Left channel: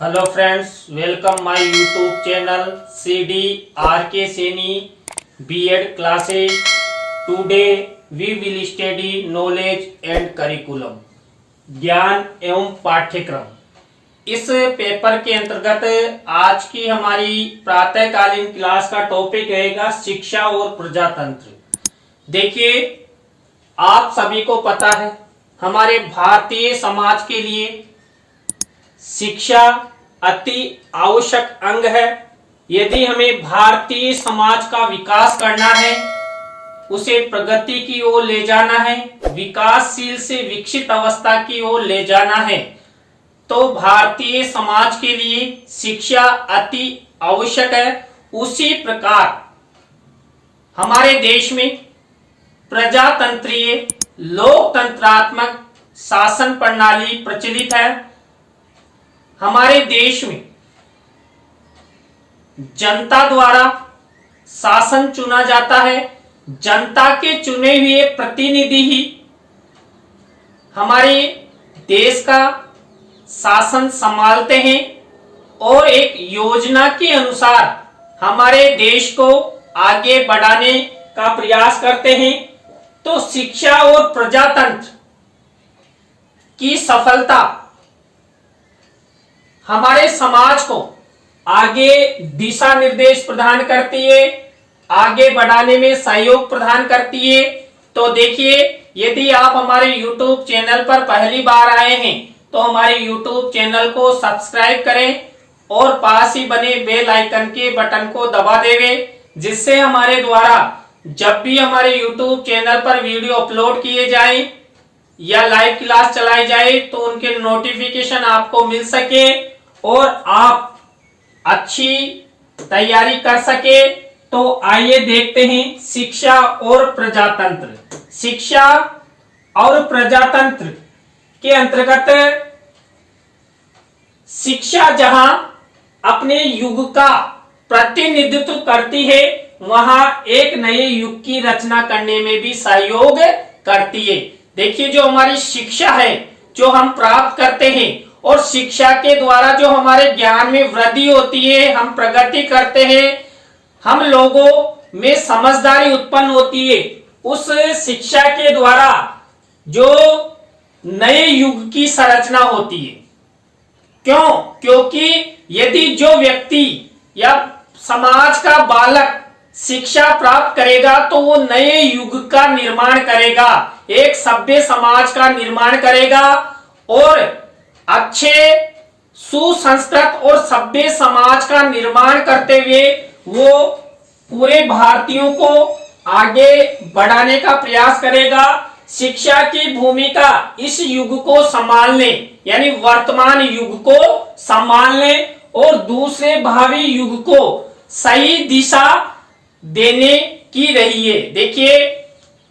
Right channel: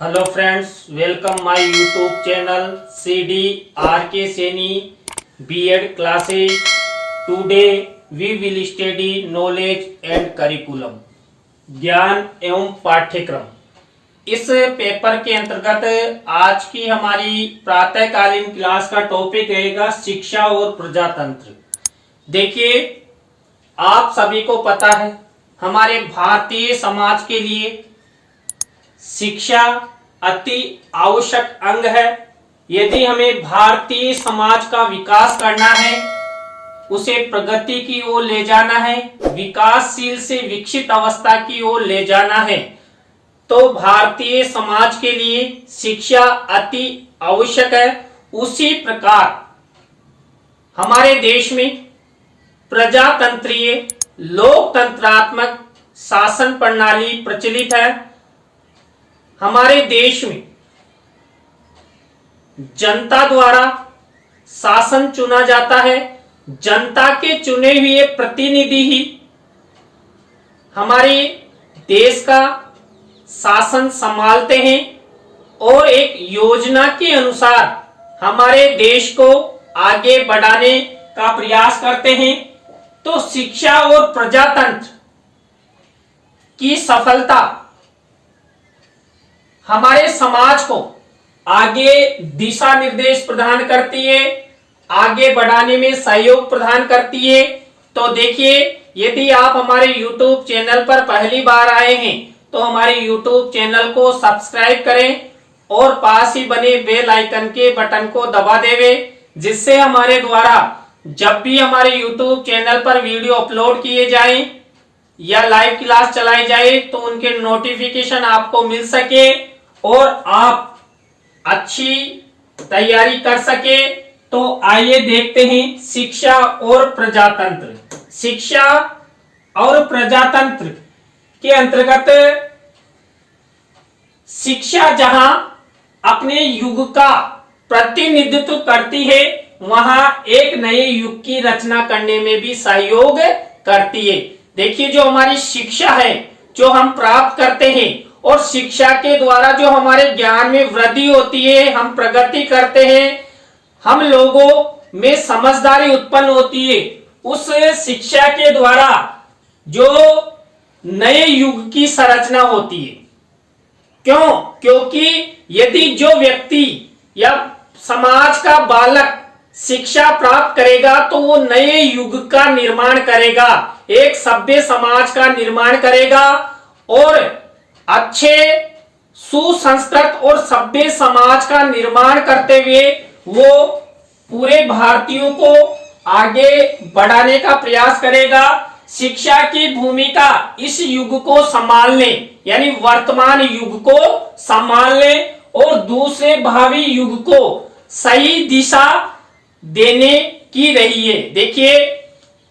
Hello friends, welcome my YouTube channel CD RK Seni B.Ed classes. Today we will study knowledge and curriculum. ज्ञान एवं पाठ्यक्रम। इस paper के अंतर्गत आज की हमारी प्रातःकालीन क्लास का टॉपिक रहेगा शिक्षा और प्रजातंत्र। देखिए, आप सभी को पता है हमारे भारतीय समाज के लिए शिक्षा अति आवश्यक अंग है। यदि हमें भारतीय समाज का विकास करना है, उसे प्रगति की ओर ले जाना है, विकासशील से विकसित अवस्था की ओर ले जाना है, तो भारतीय समाज के लिए शिक्षा अति आवश्यक है। उसी प्रकार हमारे देश में प्रजातंत्रीय लोकतंत्रात्मक शासन प्रणाली प्रचलित है। हमारे देश में जनता द्वारा शासन चुना जाता है। जनता के चुने हुए प्रतिनिधि ही हमारे देश का शासन संभालते हैं और एक योजना के अनुसार हमारे देश को आगे बढ़ाने का प्रयास करते हैं। तो शिक्षा और प्रजातंत्र की सफलता हमारे समाज को आगे दिशा निर्देश प्रदान करती है, आगे बढ़ाने में सहयोग प्रदान करती है। तो देखिए, यदि आप हमारे YouTube चैनल पर पहली बार आए हैं तो हमारे YouTube चैनल को सब्सक्राइब करें और पास ही बने बेल आइकन के बटन को दबा देवें, जिससे हमारे द्वारा जब भी हमारे YouTube चैनल पर वीडियो अपलोड किए जाएं या लाइव क्लास चलाई जाए तो उनके नोटिफिकेशन आपको मिल सके और आप अच्छी तैयारी कर सके। तो आइए देखते हैं शिक्षा और प्रजातंत्र। शिक्षा और प्रजातंत्र के अंतर्गत शिक्षा जहां अपने युग का प्रतिनिधित्व करती है, वहां एक नए युग की रचना करने में भी सहयोग करती है। देखिए, जो हमारी शिक्षा है जो हम प्राप्त करते हैं और शिक्षा के द्वारा जो हमारे ज्ञान में वृद्धि होती है, हम प्रगति करते हैं, हम लोगों में समझदारी उत्पन्न होती है। उस शिक्षा के द्वारा जो नए युग की संरचना होती है। क्यों? क्योंकि यदि जो व्यक्ति या समाज का बालक शिक्षा प्राप्त करेगा तो वो नए युग का निर्माण करेगा, एक सभ्य समाज का निर्माण करेगा और अच्छे सुसंस्कृत और सभ्य समाज का निर्माण करते हुए वो पूरे भारतीयों को आगे बढ़ाने का प्रयास करेगा। शिक्षा की भूमिका इस युग को संभालने यानी वर्तमान युग को संभालने और दूसरे भावी युग को सही दिशा देने की रही है। देखिए,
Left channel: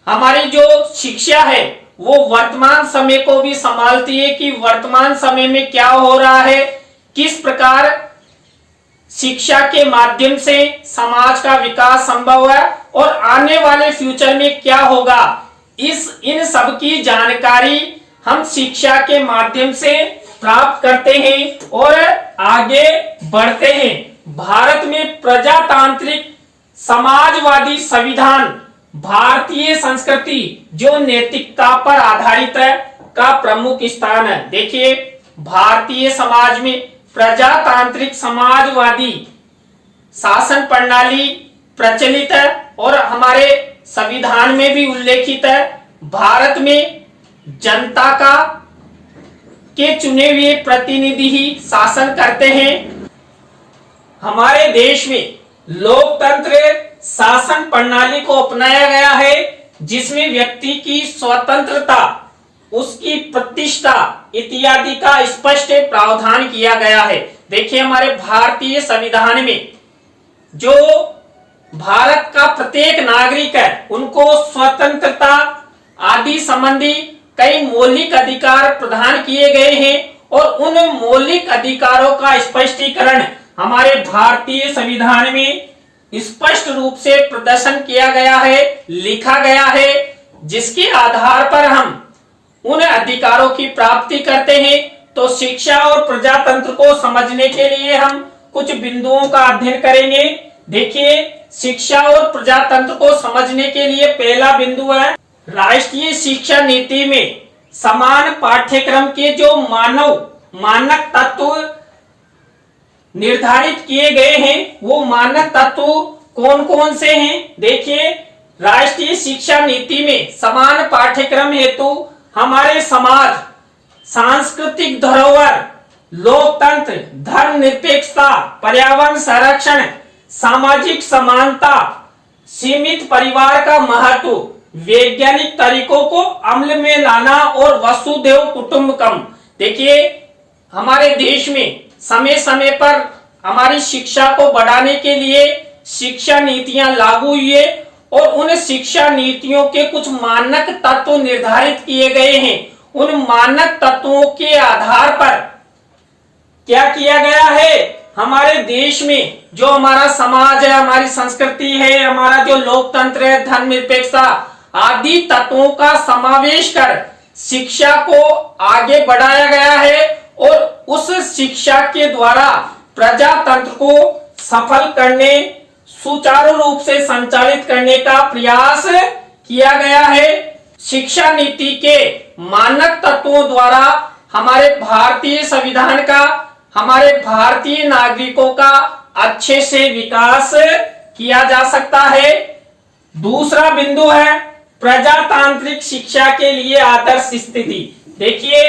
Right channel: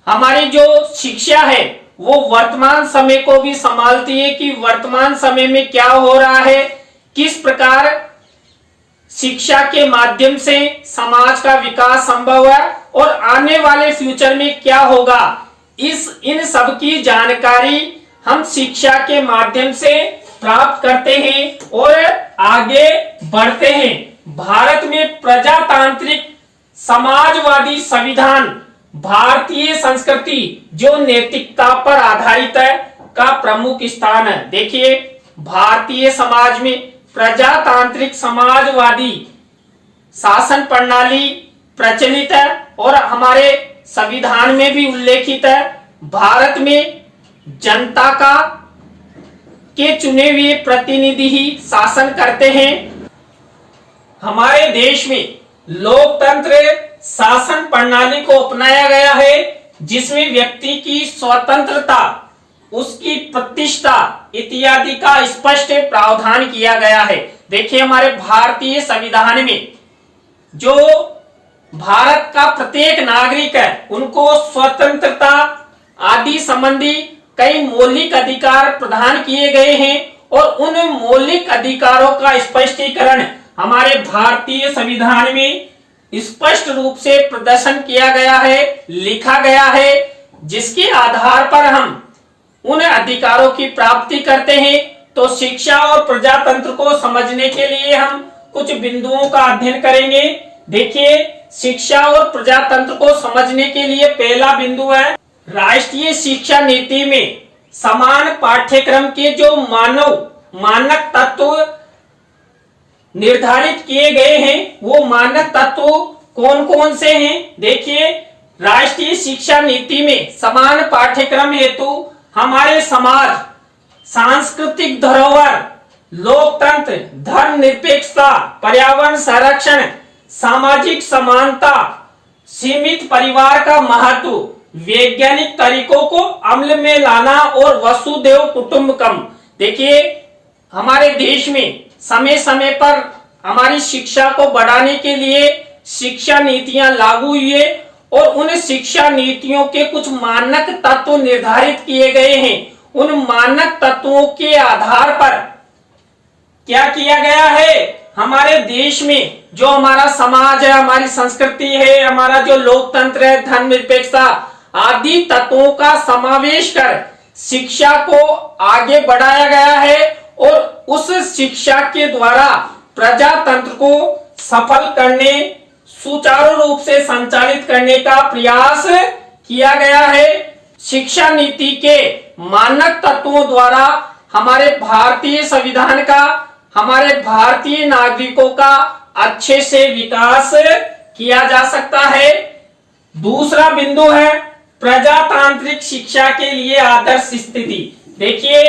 हमारी जो शिक्षा है वो वर्तमान समय को भी संभालती है कि वर्तमान समय में क्या हो रहा है, किस प्रकार शिक्षा के माध्यम से समाज का विकास संभव है और आने वाले फ्यूचर में क्या होगा। इन सब की जानकारी हम शिक्षा के माध्यम से प्राप्त करते हैं और आगे बढ़ते हैं। भारत में प्रजातांत्रिक समाजवादी संविधान भारतीय संस्कृति जो नैतिकता पर आधारित है का प्रमुख स्थान है। देखिए, भारतीय समाज में प्रजातांत्रिक समाजवादी शासन प्रणाली प्रचलित है और हमारे संविधान में भी उल्लेखित है। भारत में जनता का के चुने हुए प्रतिनिधि ही शासन करते हैं। हमारे देश में लोकतंत्र शासन प्रणाली को अपनाया गया है, जिसमें व्यक्ति की स्वतंत्रता, उसकी प्रतिष्ठा इत्यादि का स्पष्ट प्रावधान किया गया है। देखिए, हमारे भारतीय संविधान में जो भारत का प्रत्येक नागरिक है उनको स्वतंत्रता आदि संबंधी कई मौलिक अधिकार प्रदान किए गए हैं और उन मौलिक अधिकारों का स्पष्टीकरण हमारे भारतीय संविधान में स्पष्ट रूप से प्रदर्शन किया गया है, लिखा गया है, जिसके आधार पर हम उन अधिकारों की प्राप्ति करते हैं तो शिक्षा और प्रजातंत्र को समझने के लिए हम कुछ बिंदुओं का अध्ययन करेंगे। देखिए, शिक्षा और प्रजातंत्र को समझने के लिए पहला बिंदु है राष्ट्रीय शिक्षा नीति में समान पाठ्यक्रम के जो मानक तत्व निर्धारित किए गए हैं, वो मानक तत्व कौन कौन से हैं। देखिए, राष्ट्रीय शिक्षा नीति में समान पाठ्यक्रम हेतु हमारे समाज, सांस्कृतिक धरोहर, लोकतंत्र, धर्मनिरपेक्षता, पर्यावरण संरक्षण, सामाजिक समानता, सीमित परिवार का महत्व, वैज्ञानिक तरीकों को अमल में लाना और वसुधैव कुटुंबकम। देखिए, हमारे देश में समय समय पर हमारी शिक्षा को बढ़ाने के लिए शिक्षा नीतियां लागू हुई है और उन शिक्षा नीतियों के कुछ मानक तत्व निर्धारित किए गए हैं। उन मानक तत्वों के आधार पर क्या किया गया है, हमारे देश में जो हमारा समाज है, हमारी संस्कृति है, हमारा जो लोकतंत्र है, धर्मनिरपेक्षता आदि तत्वों का समावेश कर शिक्षा को आगे बढ़ाया गया है और उस शिक्षा के द्वारा प्रजातंत्र को सफल करने, सुचारू रूप से संचालित करने का प्रयास किया गया है। शिक्षा नीति के मानक तत्वों द्वारा हमारे भारतीय संविधान का, हमारे भारतीय नागरिकों का अच्छे से विकास किया जा सकता है। दूसरा बिंदु है प्रजातांत्रिक शिक्षा के लिए आदर्श स्थिति। देखिए,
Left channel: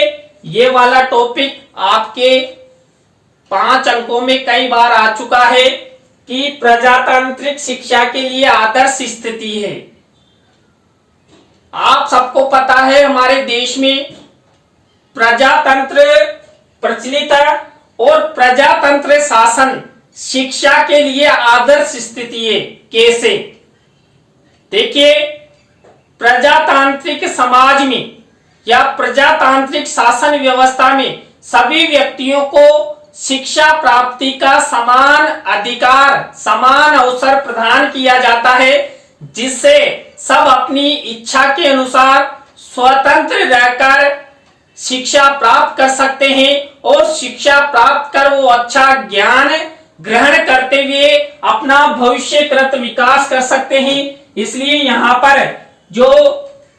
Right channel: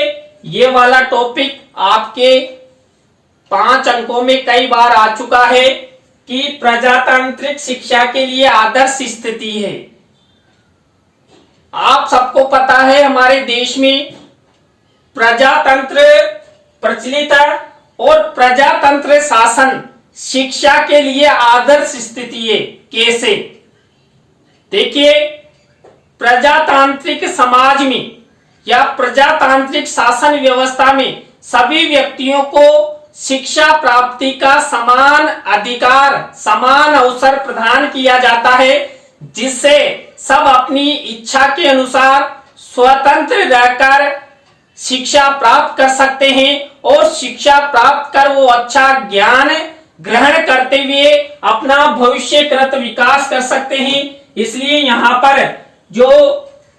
ये वाला टॉपिक आपके 5 अंकों में कई बार आ चुका है कि प्रजातांत्रिक शिक्षा के लिए आदर्श स्थिति है। आप सबको पता है हमारे देश में प्रजातंत्र प्रचलित है और प्रजातंत्र शासन शिक्षा के लिए आदर्श स्थिति है। कैसे? देखिए, प्रजातांत्रिक समाज में या प्रजातांत्रिक शासन व्यवस्था में सभी व्यक्तियों को शिक्षा प्राप्ति का समान अधिकार, समान अवसर प्रदान किया जाता है, जिससे सब अपनी इच्छा के अनुसार स्वतंत्र रहकर शिक्षा प्राप्त कर सकते हैं और शिक्षा प्राप्त कर वो अच्छा ज्ञान ग्रहण करते हुए अपना भविष्यकृत विकास कर सकते हैं। इसलिए यहाँ पर जो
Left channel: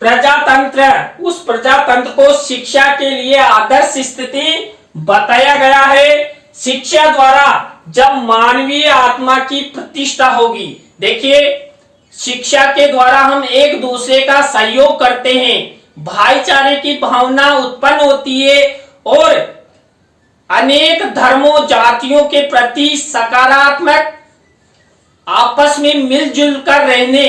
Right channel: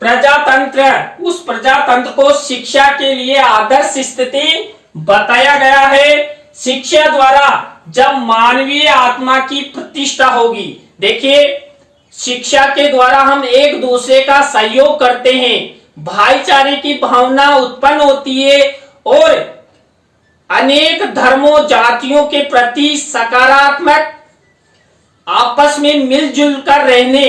प्रजातंत्र है, उस प्रजातंत्र को शिक्षा के लिए आदर्श स्थिति बताया गया है। शिक्षा द्वारा जब मानवीय आत्मा की प्रतिष्ठा होगी, देखिए, शिक्षा के द्वारा हम एक दूसरे का सहयोग करते हैं, भाईचारे की भावना उत्पन्न होती है और अनेक धर्मों, जातियों के प्रति सकारात्मक आपस में मिलजुल कर रहने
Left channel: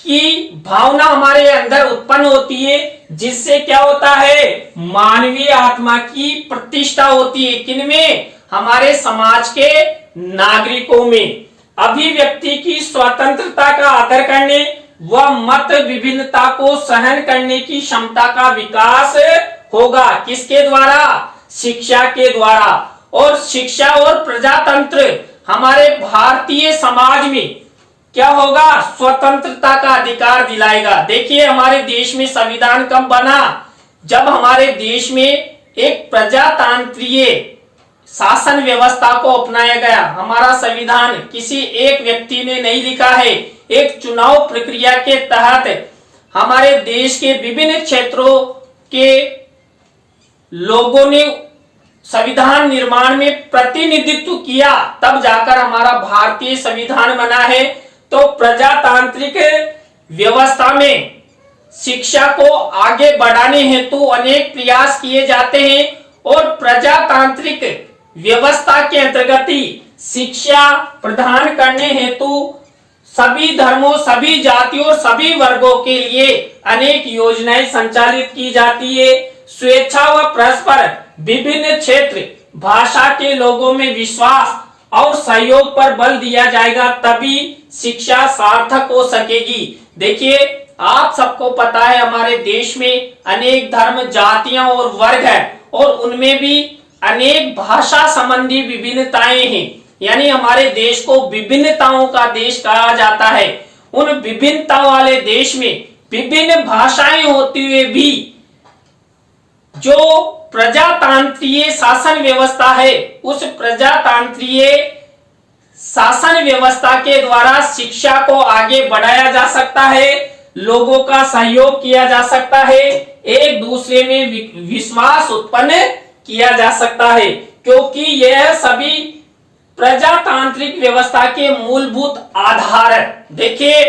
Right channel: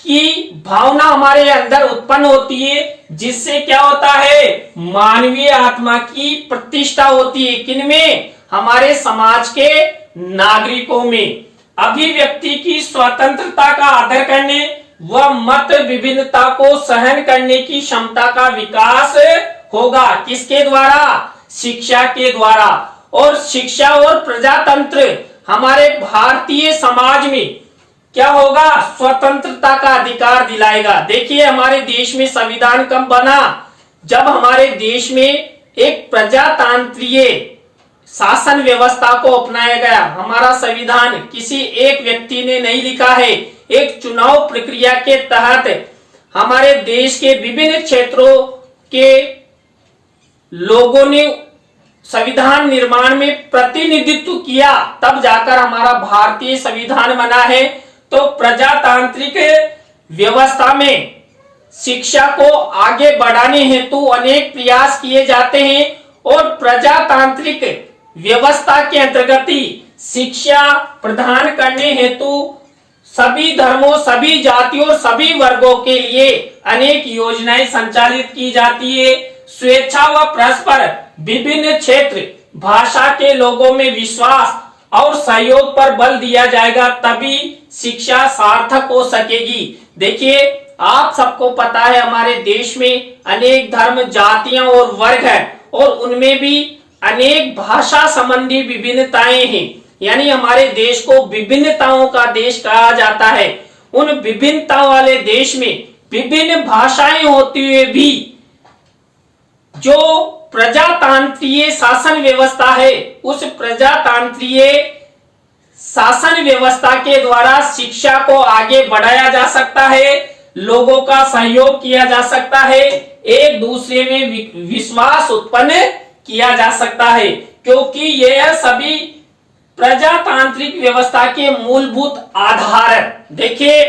की भावना हमारे अंदर उत्पन्न होती है, जिससे क्या होता है, मानवीय आत्मा की प्रतिष्ठा होती है। किनमें? हमारे समाज के नागरिकों में। अभिव्यक्ति की स्वतंत्रता का आदर करने व मत विभिन्नता को सहन करने की क्षमता का विकास होगा। किसके द्वारा? शिक्षा के द्वारा। और शिक्षा और प्रजातंत्र हमारे भारतीय समाज में क्या होगा? स्वतंत्रता का अधिकार दिलाएगा। देखिए, हमारे देश में संविधान कब बना? जब हमारे देश में एक प्रजातांत्रिक शासन व्यवस्था को अपनाया गया। हमारा संविधान किसी एक व्यक्ति ने नहीं लिखा है, एक चुनाव प्रक्रिया के तहत हमारे देश के विभिन्न क्षेत्रों के लोगों ने संविधान निर्माण में प्रतिनिधित्व किया, तब जाकर हमारा भारतीय संविधान बना है। तो प्रजातांत्रिक व्यवस्था में शिक्षा को आगे बढ़ाने हेतु अनेक प्रयास किए जाते हैं और प्रजातांत्रिक व्यवस्था के अंतर्गत शिक्षा प्रदान करने हेतु सभी धर्मों, सभी जातियों और सभी वर्गों के लिए अनेक योजनाएं संचालित की जाती है। स्वेच्छा व परस्पर विभिन्न क्षेत्र, भाषा के लोगों में विश्वास और सहयोग पर बल दिया जाएगा, तभी शिक्षा सार्थक हो सकेगी। देखिए, आप सबको पता है हमारे देश में अनेक धर्म, जातियां और वर्ग है और उनमें भी अनेक भाषा संबंधी विभिन्नताएं हैं। यानी हमारे देश को विभिन्नताओं का देश कहा जाता है। उन विभिन्नताओं वाले देश में विभिन्न भाषाएं होती हुए भी जो प्रजातांत्रिक शासन व्यवस्था है, उस प्रजातांत्रिक शासन व्यवस्था के द्वारा शिक्षा को आगे बढ़ाया जा सकता है, लोगों का सहयोग किया जा सकता है, एक दूसरे में विश्वास उत्पन्न किया जा सकता है, क्योंकि यह सभी प्रजातांत्रिक व्यवस्था के मूलभूत आधार है। देखिए,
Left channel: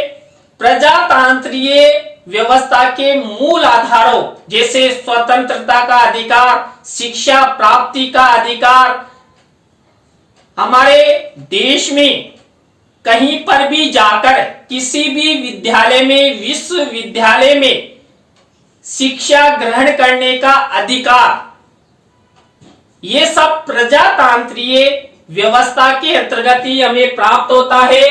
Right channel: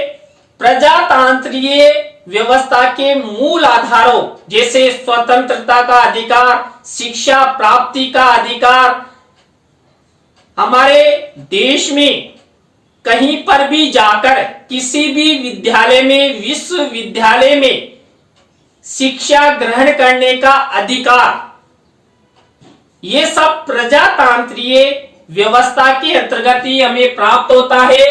प्रजातांत्रिक व्यवस्था के मूल आधारों जैसे स्वतंत्रता का अधिकार, शिक्षा प्राप्ति का अधिकार, हमारे देश में कहीं पर भी जाकर किसी भी विद्यालय में, विश्वविद्यालय में शिक्षा ग्रहण करने का अधिकार, ये सब प्रजातांत्रिक व्यवस्था के अंतर्गत ही हमें प्राप्त होता है।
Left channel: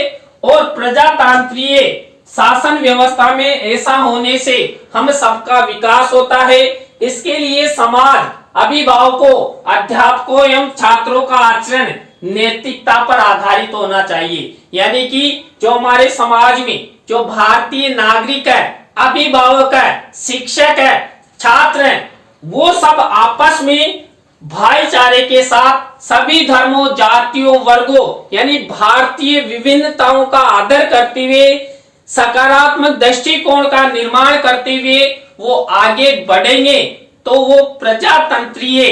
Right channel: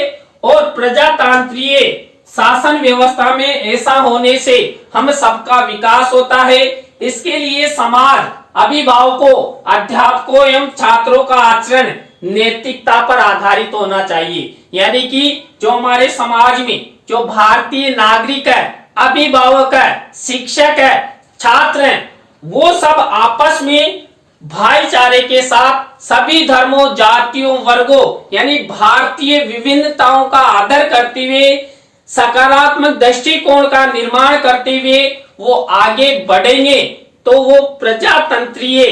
और प्रजातांत्रिक शासन व्यवस्था में ऐसा होने से हम सबका विकास होता है। इसके लिए समाज, अभिभावकों, अध्यापकों एवं छात्रों का आचरण नैतिकता पर आधारित होना चाहिए। यानी कि जो हमारे समाज में जो भारतीय नागरिक है, अभिभावक है, शिक्षक है, छात्र हैं, वो सब आपस में भाईचारे के साथ सभी धर्मों, जातियों, वर्गों यानी भारतीय विभिन्नताओं का आदर करते हुए, सकारात्मक दृष्टिकोण का निर्माण करते हुए वो आगे बढ़ेंगे तो वो प्रजातंत्रीय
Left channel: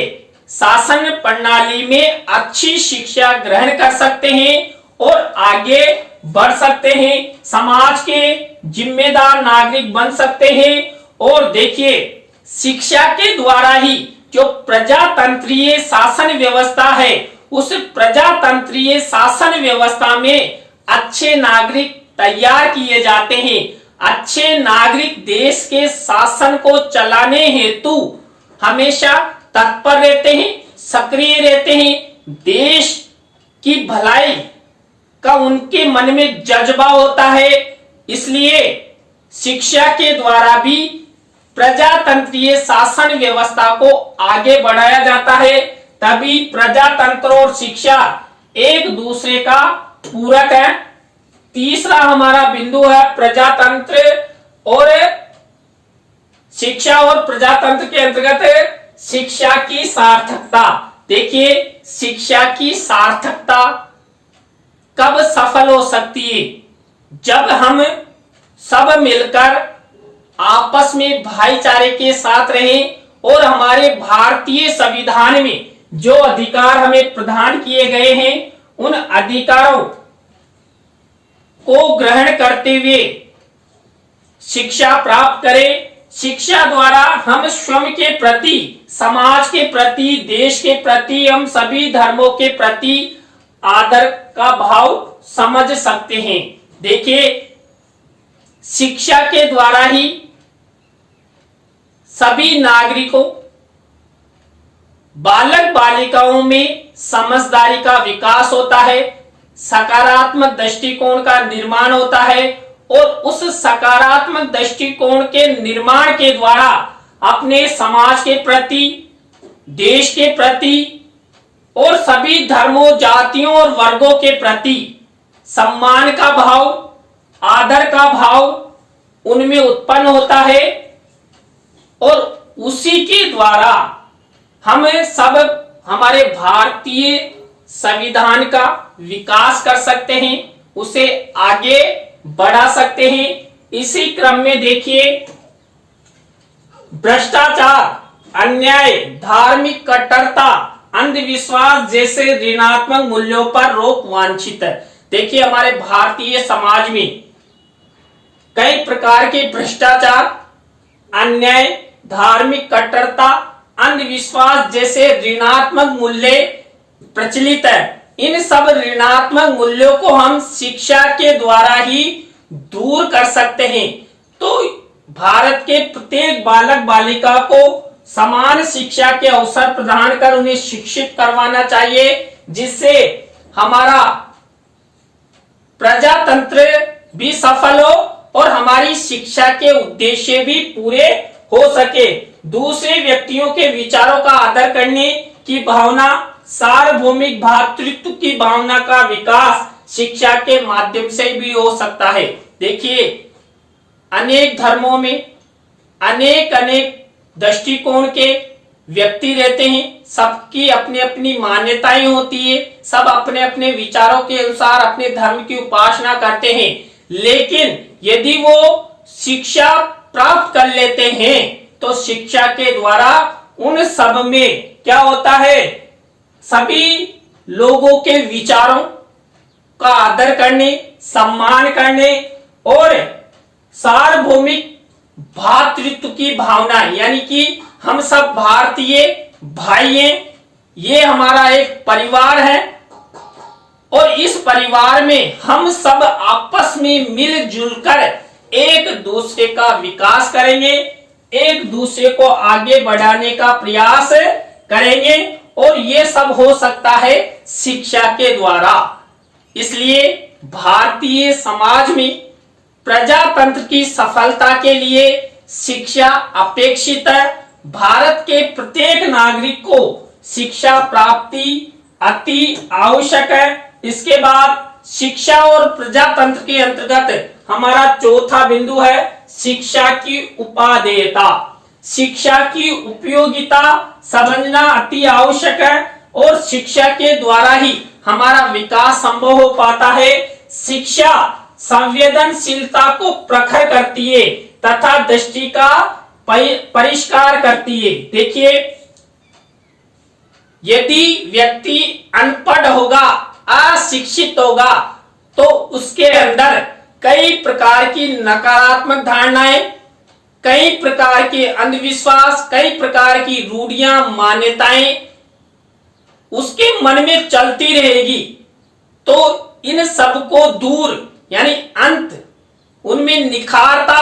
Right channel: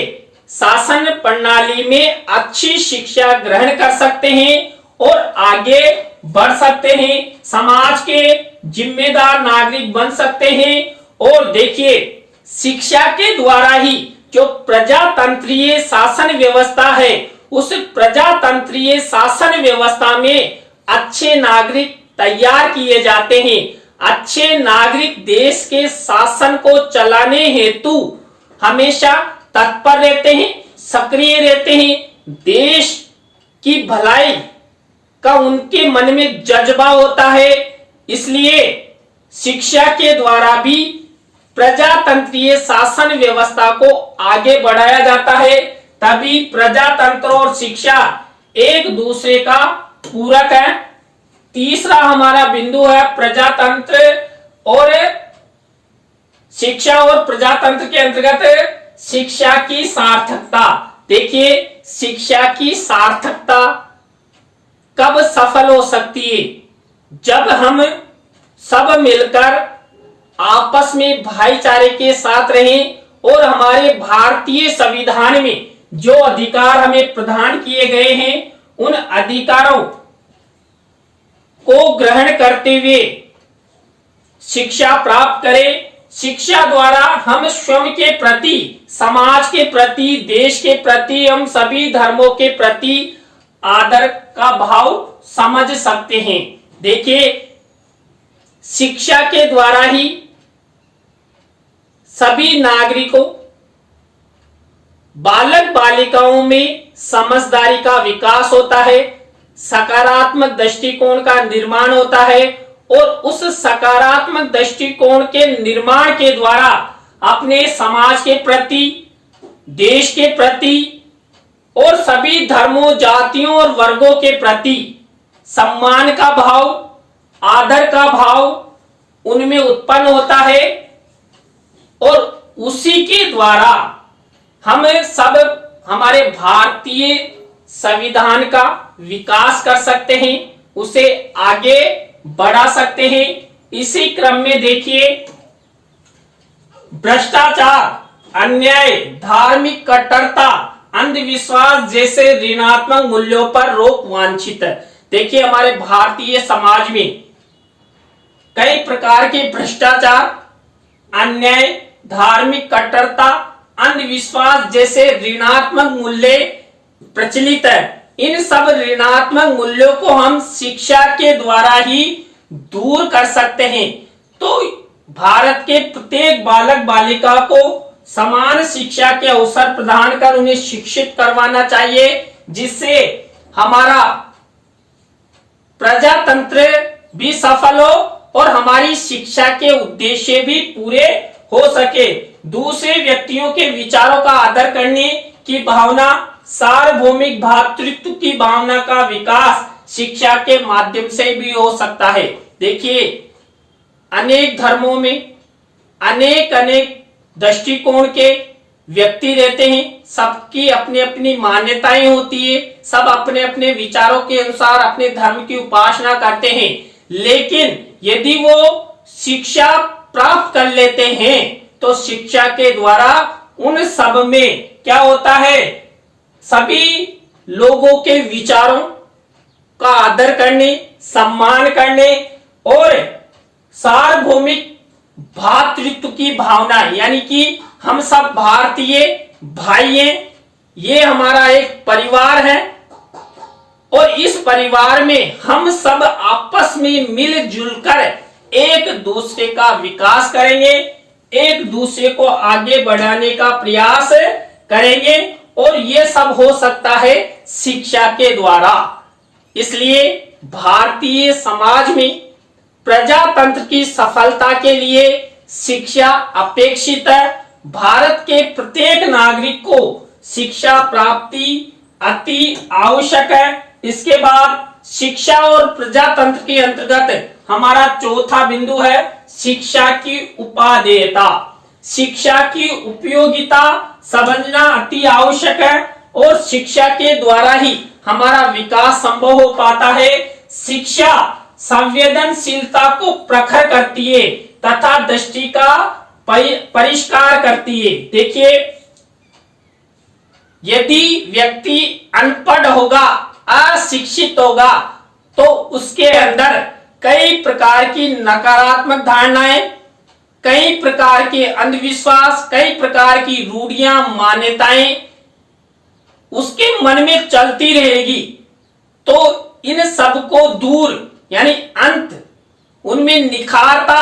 शासन प्रणाली में अच्छी शिक्षा ग्रहण कर सकते हैं और आगे बढ़ सकते हैं, समाज के जिम्मेदार नागरिक बन सकते हैं। और देखिए, शिक्षा के द्वारा ही जो प्रजातंत्रीय शासन व्यवस्था है, उस प्रजातंत्रीय शासन व्यवस्था में अच्छे नागरिक तैयार किए जाते हैं। अच्छे नागरिक देश के शासन को चलाने हेतु हमेशा तत्पर रहते हैं, सक्रिय रहते हैं, देश की भलाई का उनके मन में जज्बा होता है। इसलिए शिक्षा के द्वारा भी प्रजातंत्रीय शासन व्यवस्था को आगे बढ़ाया जाता है, तभी प्रजातंत्र और शिक्षा एक दूसरे का पूरक है। तीसरा हमारा बिंदु है प्रजातंत्र और शिक्षा और प्रजातंत्र के अंतर्गत शिक्षा की सार्थकता। देखिए, शिक्षा की सार्थकता कब सफल हो सकती है? जब हम सब मिलकर आपस में भाईचारे के साथ रहें और हमारे भारतीय संविधान में जो अधिकार हमें प्रदान किए गए हैं, उन अधिकारों को ग्रहण करते हुए शिक्षा प्राप्त करें। शिक्षा द्वारा हम स्वयं के प्रति, समाज के प्रति, देश के प्रति, हम सभी धर्मों के प्रति आदर का भाव समझ सकते हैं। देखिए, शिक्षा के द्वारा ही सभी नागरिकों, बालक बालिकाओं में समझदारी का विकास होता है, सकारात्मक दृष्टिकोण का निर्माण होता है और उस सकारात्मक दृष्टिकोण के निर्माण के द्वारा अपने समाज के प्रति, देश के प्रति और सभी धर्मों, जातियों और वर्गों के प्रति सम्मान का भाव, आदर का भाव उनमें उत्पन्न होता है और उसी के द्वारा हम सब हमारे भारतीय संविधान का विकास कर सकते हैं, उसे आगे बढ़ा सकते हैं। इसी क्रम में देखिए, भ्रष्टाचार, अन्याय, धार्मिक कट्टरता, अंधविश्वास जैसे ऋणात्मक मूल्यों पर रोक वांछित है। देखिए, हमारे भारतीय समाज में कई प्रकार के भ्रष्टाचार, अन्याय, धार्मिक कट्टरता, अंधविश्वास जैसे ऋणात्मक मूल्य प्रचलित है। इन सब ऋणात्मक मूल्यों को हम शिक्षा के द्वारा ही दूर कर सकते हैं। तो भारत के प्रत्येक बालक बालिका को समान शिक्षा के अवसर प्रदान कर उन्हें शिक्षित करवाना चाहिए, जिससे हमारा प्रजातंत्र भी सफल हो और हमारी शिक्षा के उद्देश्य भी पूरे हो सके। दूसरे व्यक्तियों के विचारों का आदर करने की भावना, सार्वभौमिक भ्रातृत्व की भावना का विकास शिक्षा के माध्यम से भी हो सकता है। देखिए, अनेक धर्मों में अनेक दृष्टिकोण के व्यक्ति रहते हैं, सबकी अपनी अपनी मान्यताएं होती है, सब अपने अपने विचारों के अनुसार अपने धर्म की उपासना करते हैं। लेकिन यदि वो शिक्षा प्राप्त कर लेते हैं तो शिक्षा के द्वारा उन सब में क्या होता है, सभी लोगों के विचारों का आदर करने, सम्मान करने और सार्वभौमिक भातृत्व की भावना, यानी कि हम सब भारतीय भाई हैं, ये हमारा एक परिवार है और इस परिवार में हम सब आपस में मिलजुल कर एक दूसरे का विकास करेंगे, एक दूसरे को आगे बढ़ाने का प्रयास करेंगे और ये सब हो सकता है शिक्षा के द्वारा। इसलिए भारतीय समाज में प्रजातंत्र की सफलता के लिए शिक्षा अपेक्षित है। भारत के प्रत्येक नागरिक को शिक्षा प्राप्ति अति आवश्यक है। इसके बाद शिक्षा और प्रजातंत्र के अंतर्गत हमारा चौथा बिंदु है शिक्षा की उपादेयता। शिक्षा की उपयोगिता समझना अति आवश्यक है और शिक्षा के द्वारा ही हमारा विकास संभव हो पाता है। शिक्षा संवेदनशीलता को प्रखर करती है तथा दृष्टि का परिष्कार करती है। देखिए, यदि व्यक्ति अनपढ़ होगा, अशिक्षित होगा, तो उसके अंदर कई प्रकार की नकारात्मक धारणाएं, कई प्रकार के अंधविश्वास, कई प्रकार की रूढ़ियां, मान्यताएं उसके मन में चलती रहेगी। तो इन सब को दूर यानी अंत उनमें निखारता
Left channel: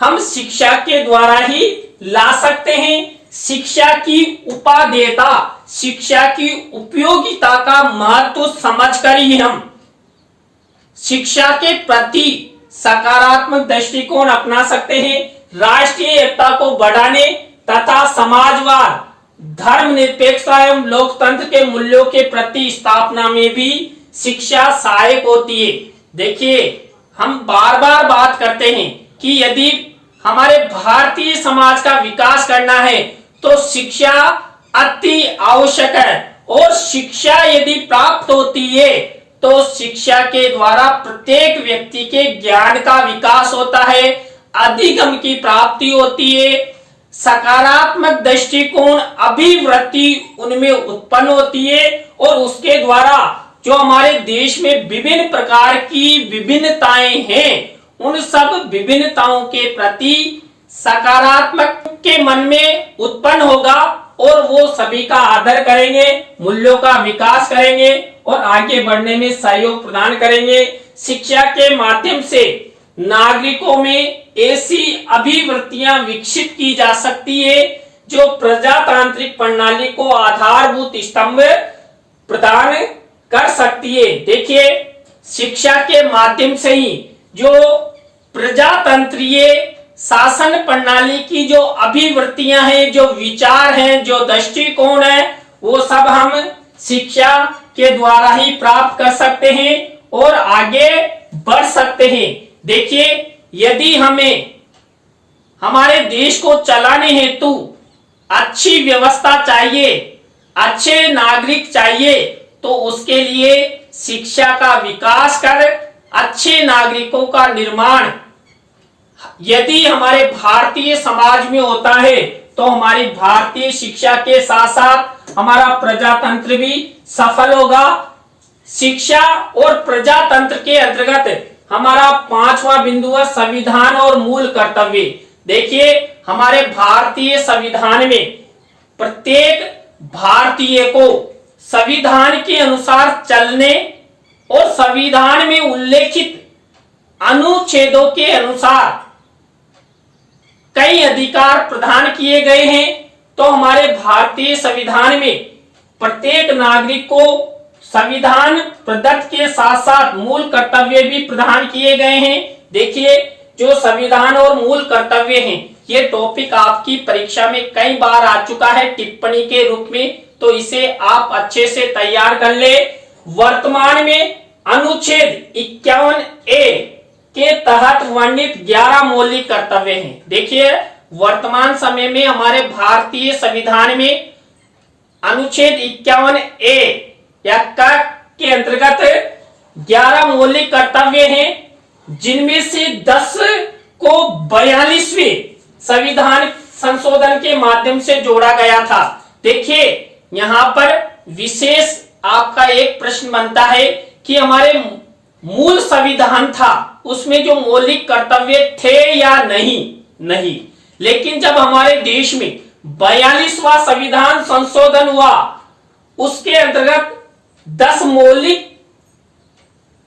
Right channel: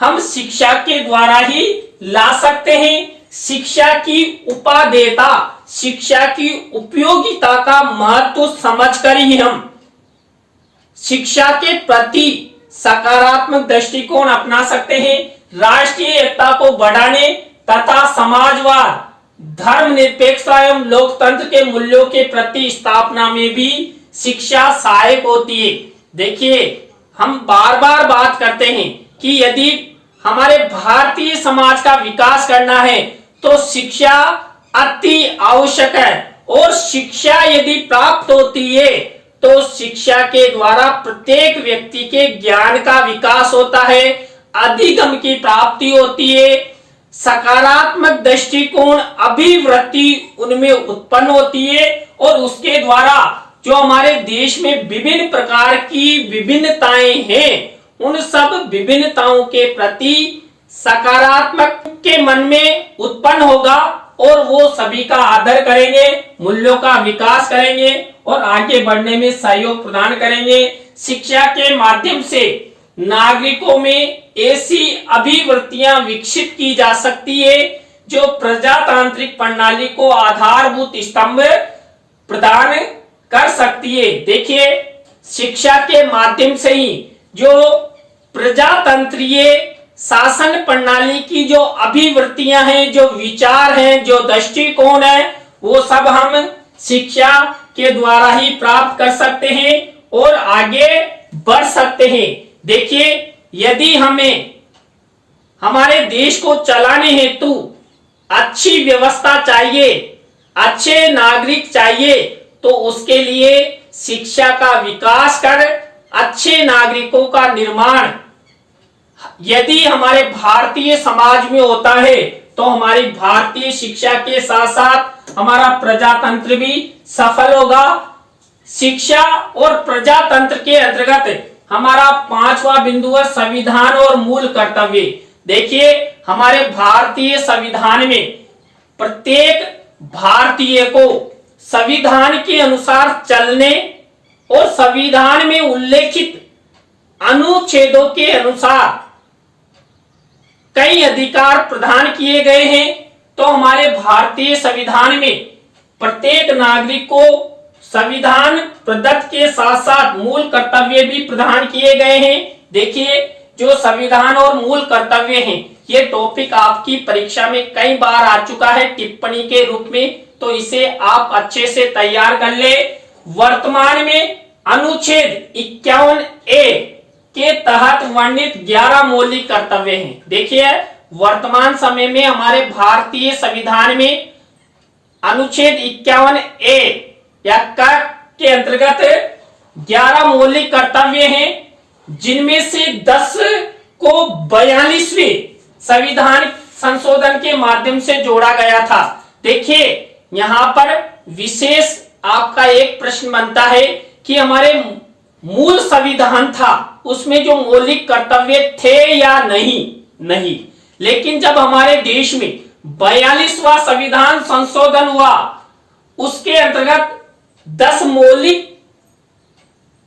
हम शिक्षा के द्वारा ही ला सकते हैं। शिक्षा की उपादेयता, शिक्षा की उपयोगिता का महत्व समझकर ही हम शिक्षा के प्रति सकारात्मक दृष्टिकोण अपना सकते हैं। राष्ट्रीय एकता को बढ़ाने तथा समाजवाद, धर्मनिरपेक्षता एवं लोकतंत्र के मूल्यों के प्रति स्थापना में भी शिक्षा सहायक होती है। देखिए, हम बार बार बात करते हैं कि यदि हमारे भारतीय समाज का विकास करना है तो शिक्षा अति आवश्यक है और शिक्षा यदि प्राप्त होती है तो शिक्षा के द्वारा प्रत्येक व्यक्ति के ज्ञान का विकास होता है, अधिगम की प्राप्ति होती है, सकारात्मक दृष्टिकोण, अभिवृत्ति उनमें उत्पन्न होती है और उसके द्वारा जो हमारे देश में विभिन्न प्रकार की विभिन्नताएं हैं, उन सब विभिन्नताओं के प्रति सकारात्मक के मन में उत्पन्न होगा और वो सभी का आदर करेंगे, मूल्यों का विकास करेंगे और आगे बढ़ने में सहयोग प्रदान करेंगे। शिक्षा के माध्यम से नागरिकों में ऐसी अभिवृत्तियां विकसित की जा सकती है जो प्रजातांत्रिक प्रणाली को आधारभूत स्तंभ प्रदान कर सकती है। देखिए, शिक्षा के माध्यम से ही जो प्रजातंत्रीय शासन प्रणाली की जो अभिवृत्तियां हैं, जो विचार हैं, जो दृष्टिकोण है, वो सब हम शिक्षा के द्वारा ही प्राप्त कर सकते हैं और आगे बढ़ सकते हैं। देखिए, यदि हमें हमारे देश को चलाने हेतु अच्छी व्यवस्था चाहिए, अच्छे नागरिक चाहिए, तो उसके लिए शिक्षा का विकास कर अच्छे नागरिकों का निर्माण यदि हमारे भारतीय समाज में होता है तो हमारी भारतीय शिक्षा के साथ साथ हमारा प्रजातंत्र भी सफल होगा। शिक्षा और प्रजातंत्र के अंतर्गत हमारा पांचवा बिंदु है संविधान और मूल कर्तव्य। देखिए, हमारे भारतीय संविधान में प्रत्येक भारतीय को संविधान के अनुसार चलने और संविधान में उल्लेखित अनुच्छेदों के अनुसार कई अधिकार प्रदान किए गए हैं। तो हमारे भारतीय संविधान में प्रत्येक नागरिक को संविधान प्रदत्त के साथ साथ मूल कर्तव्य भी प्रदान किए गए हैं। देखिए, जो संविधान और मूल कर्तव्य हैं, ये टॉपिक आपकी परीक्षा में कई बार आ चुका है टिप्पणी के रूप में, तो इसे आप अच्छे से तैयार कर ले। वर्तमान में अनुच्छेद 51A के तहत वर्णित 11 मौलिक कर्तव्य हैं। देखिए, वर्तमान समय में हमारे भारतीय संविधान में अनुच्छेद 51A या क के अंतर्गत 11 मौलिक कर्तव्य हैं, जिनमें से 10 को 42वें संविधान संशोधन के माध्यम से जोड़ा गया था। देखिए यहां पर विशेष आपका एक प्रश्न बनता है कि हमारे मूल संविधान था उसमें जो मौलिक कर्तव्य थे या नहीं। लेकिन जब हमारे देश में 42वां संविधान संशोधन हुआ, उसके अंतर्गत 10 मौलिक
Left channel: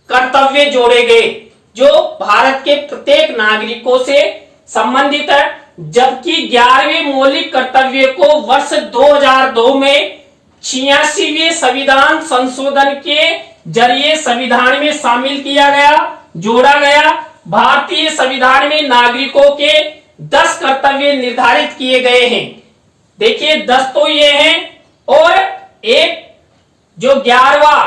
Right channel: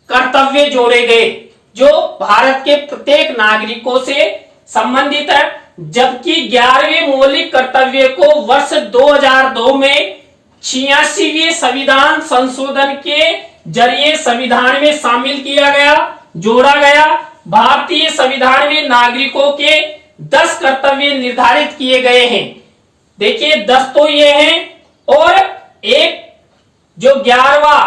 कर्तव्य जोड़े गए जो भारत के प्रत्येक नागरिकों से संबंधित है, जबकि 11वें मौलिक कर्तव्य को वर्ष 2002 में 86वें संविधान संशोधन के जरिए संविधान में शामिल किया गया, जोड़ा गया। भारतीय संविधान में नागरिकों के 10 कर्तव्य निर्धारित किए गए हैं। देखिए 10 तो ये हैं, और एक जो 11वां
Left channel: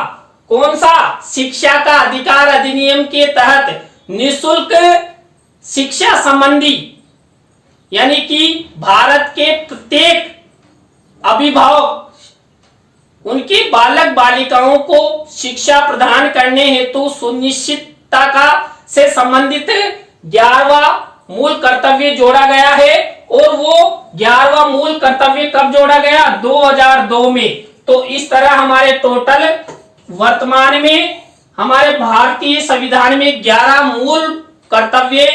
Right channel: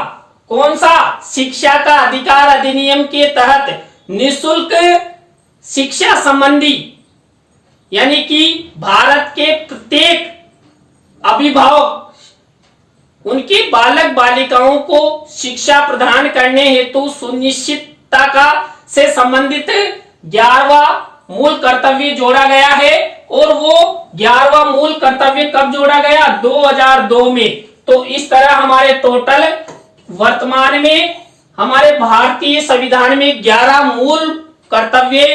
कौन सा, शिक्षा का अधिकार अधिनियम के तहत निःशुल्क शिक्षा संबंधी, यानी कि भारत के प्रत्येक अभिभावक उनकी बालक बालिकाओं को शिक्षा प्रदान करने हेतु सुनिश्चितता का से संबंधित 11वां मूल कर्तव्य जोड़ा गया है। और वो 11वां मूल कर्तव्य कब जोड़ा गया, 2002 में। तो इस तरह हमारे टोटल वर्तमान में हमारे भारतीय संविधान में 11 मूल कर्तव्य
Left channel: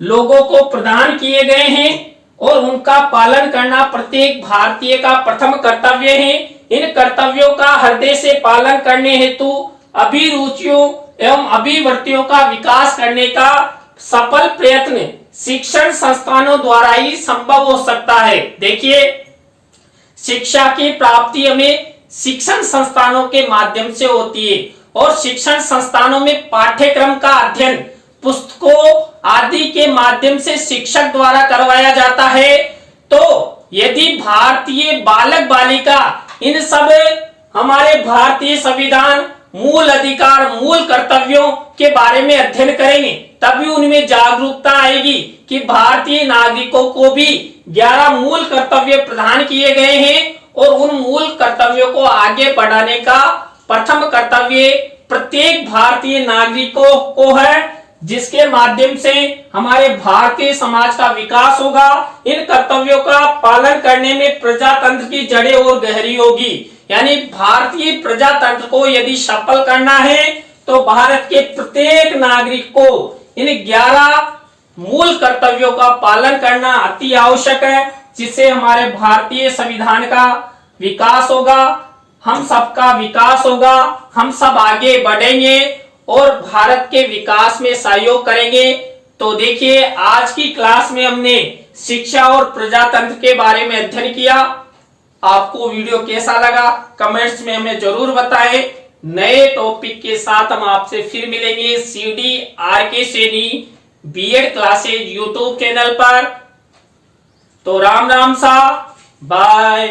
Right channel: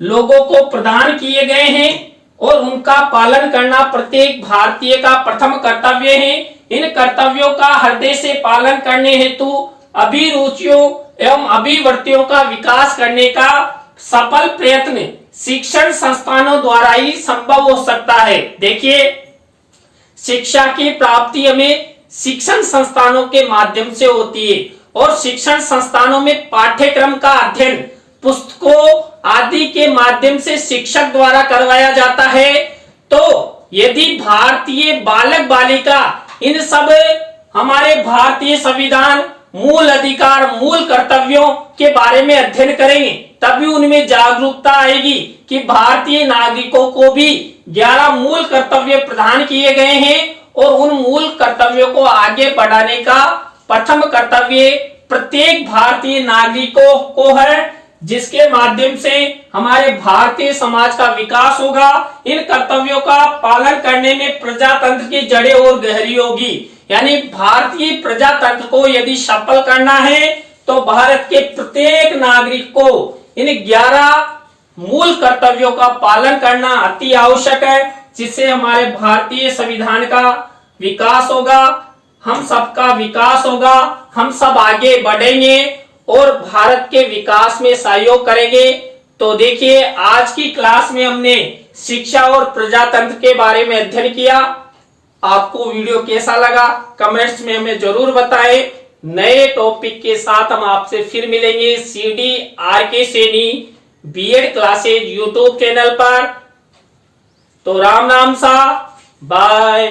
लोगों को प्रदान किए गए हैं, और उनका पालन करना प्रत्येक भारतीय का प्रथम कर्तव्य है। इन कर्तव्यों का हृदय से पालन करने हेतु अभिरुचियों एवं अभिवृत्तियों का विकास करने का सफल प्रयत्न शिक्षण संस्थानों द्वारा ही संभव हो सकता है। देखिए शिक्षा की प्राप्ति हमें शिक्षण संस्थानों के माध्यम से होती है, और शिक्षण संस्थानों में पाठ्यक्रम का अध्ययन पुस्तकों आदि के माध्यम से शिक्षक द्वारा करवाया जाता है। तो यदि भारतीय बालक बालिका इन सब हमारे भारतीय संविधान, मूल अधिकार, मूल कर्तव्यों के बारे में अध्ययन करेंगे, तभी उनमें जागरूकता आएगी कि भारतीय नागरिकों को भी 11 मूल कर्तव्य प्रदान किए गए हैं, और उन मूल कर्तव्यों को आगे बढ़ाने का प्रथम कर्तव्य प्रत्येक भारतीय नागरिकों को है, जिसके माध्यम से हमारे भारतीय समाज का विकास होगा। इन कर्तव्यों का पालन करने में प्रजातंत्र की जड़ें और गहरी होगी। यानी भारतीय प्रजातंत्र को यदि सफल करना है तो भारत के प्रत्येक नागरिक को इन 11 मूल कर्तव्यों का पालन करना अति आवश्यक है, जिससे हमारे भारतीय संविधान का विकास होगा, हम सबका विकास होगा, हम सब आगे बढ़ेंगे और भारत के विकास में सहयोग करेंगे। तो देखिए आज की क्लास में हमने शिक्षा और प्रजातंत्र के बारे में अध्ययन किया। आपको वीडियो कैसा लगा कमेंट्स में हमें जरूर बताएं। नए टॉपिक के साथ हम आपसे फिर मिलेंगे CDRK Saini B.Ed classes YouTube channel पर। तो राम राम सा, बाय।